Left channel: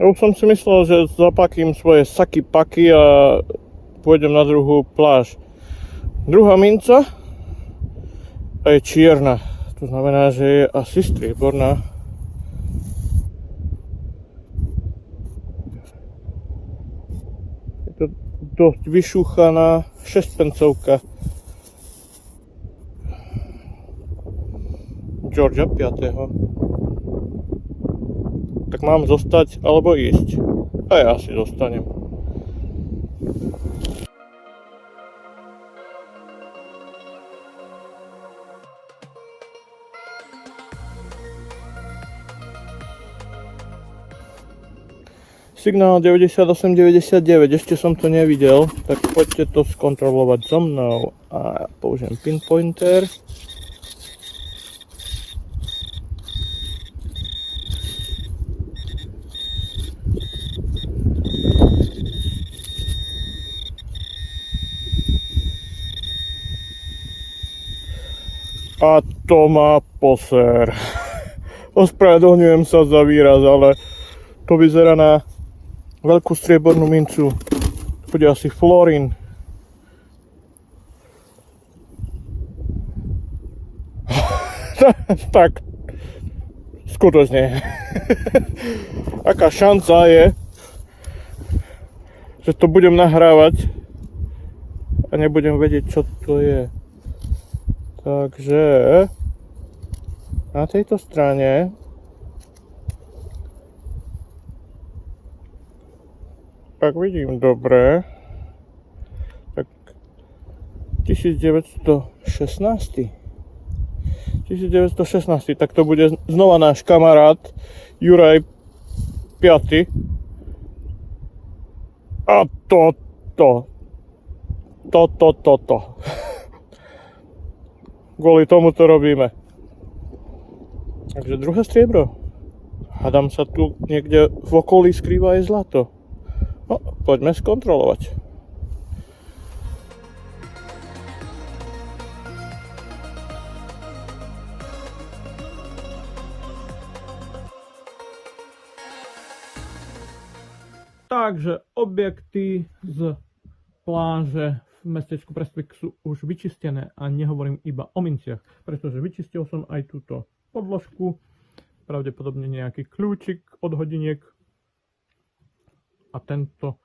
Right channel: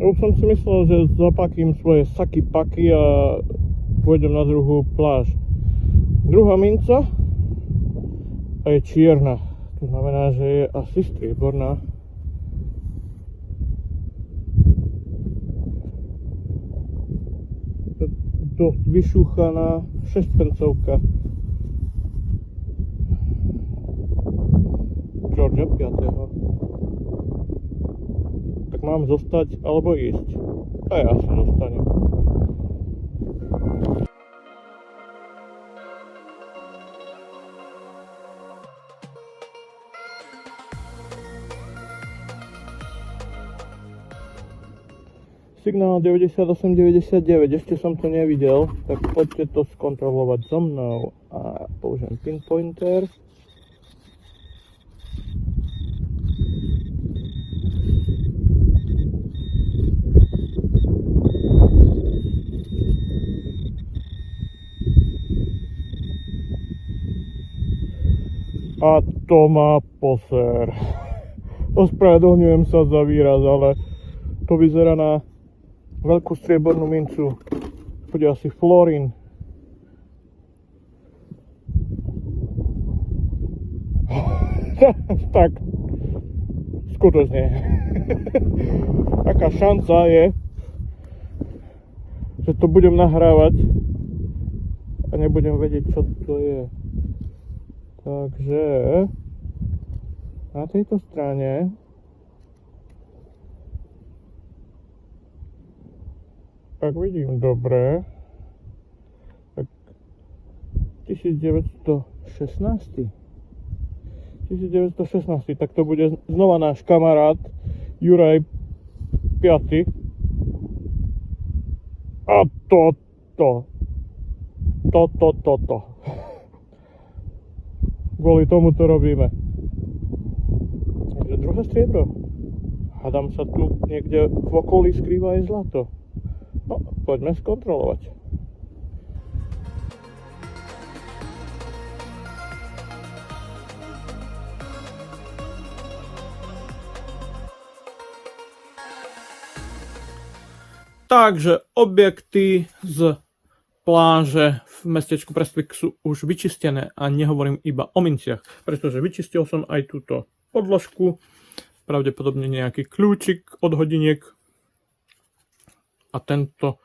Už som si myslel, že zapakím svoje saky paky a pôjdem na druhú pláž. Druhá minca a je čierna. To znamená, že je asi strieborná. Je to dosť vyšúchaná 6-pencovka. Georgia 5. Tak mám zostať alebo ísť? A ja asi zostanem. Signál 9899, ešte som to nevidel, tak poďte to skontrolovať so mnou a použijem pinpointer. A to má poser. Ospravedlňujem sa za výraz, ale to vyzerá na veľkú striebornú mincu. To bude asi florín. Tak, skutočne. Aká šanca je, že to budem nahrávať a nebudem vedieť, čo to je. Takže na tejto strane ak vidím dobre, tak 1916, tak to bude znova náš kamarát Juraj 5. A toto. Kvôli tomu to robíme. Takže druhé striebro. Hádam sa tu niekde v okolí skrýva aj zlato. No, poďme skontrolovať. Takže objekty z pláže v mestečku Prestwick sú už vyčistené a nehovorím iba o minciach, pretože vyčistil som aj túto podložku, pravdepodobne nejaký kľúčik od hodiniek a tento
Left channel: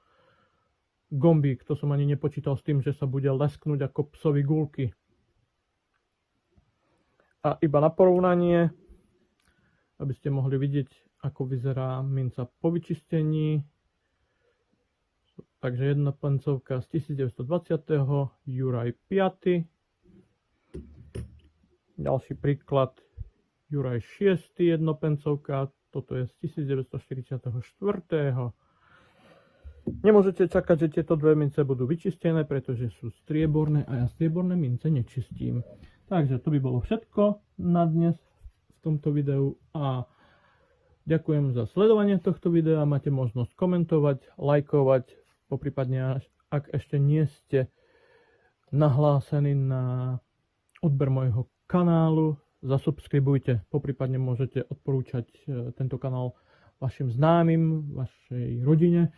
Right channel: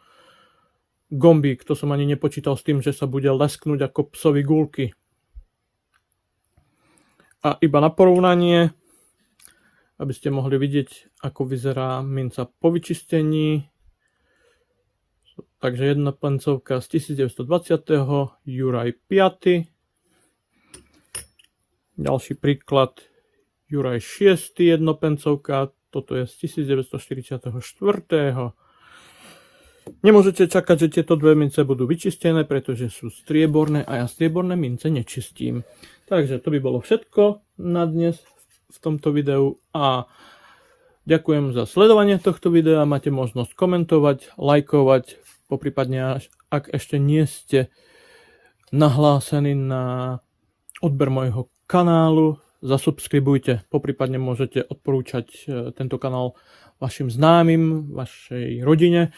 gombík, to som ani nepočítal s tým, že sa bude lesknúť ako psovi gulky. A iba na porovnanie, aby ste mohli vidieť, ako vyzerá minca po vyčistení. Takže jedna pencovka z 1920. Juraj 5. Ďalší príklad Juraj 6. jednopencovka. Toto je z 1944. Nemôžete čakať, že tieto dve mince budú vyčistené, pretože sú strieborné a ja strieborné mince nečistím. Takže to by bolo všetko na dnes v tomto videu a ďakujem za sledovanie tohto videa. Máte možnosť komentovať, lajkovať, poprípadne ak ešte nie ste nahlásení na odber môjho kanálu, zasubskribujte, poprípadne môžete odporúčať tento kanál vašim známym, vašej rodine,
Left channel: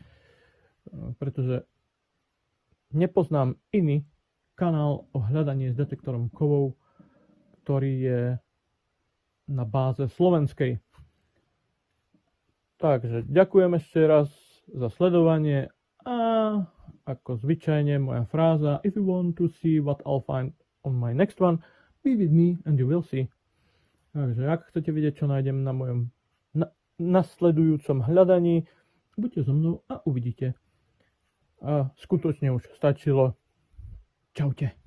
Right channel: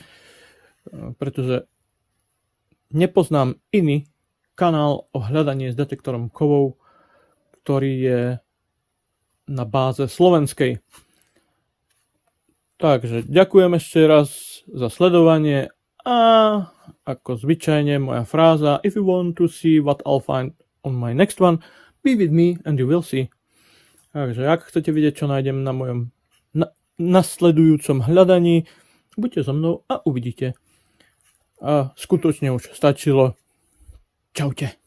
pretože nepoznám iný kanál o hľadaní s detektorom kovov, ktorý je na báze slovenskej. Takže ďakujem ešte raz za sledovanie a ako zvyčajne moja fráza: if you want to see what I'll find on my next one, be with me and you will see. Takže ak chcete vidieť, čo nájdem na mojom nasledujúcom hľadaní, buďte so mnou a uvidíte. A skutočne už stačilo. Čaute.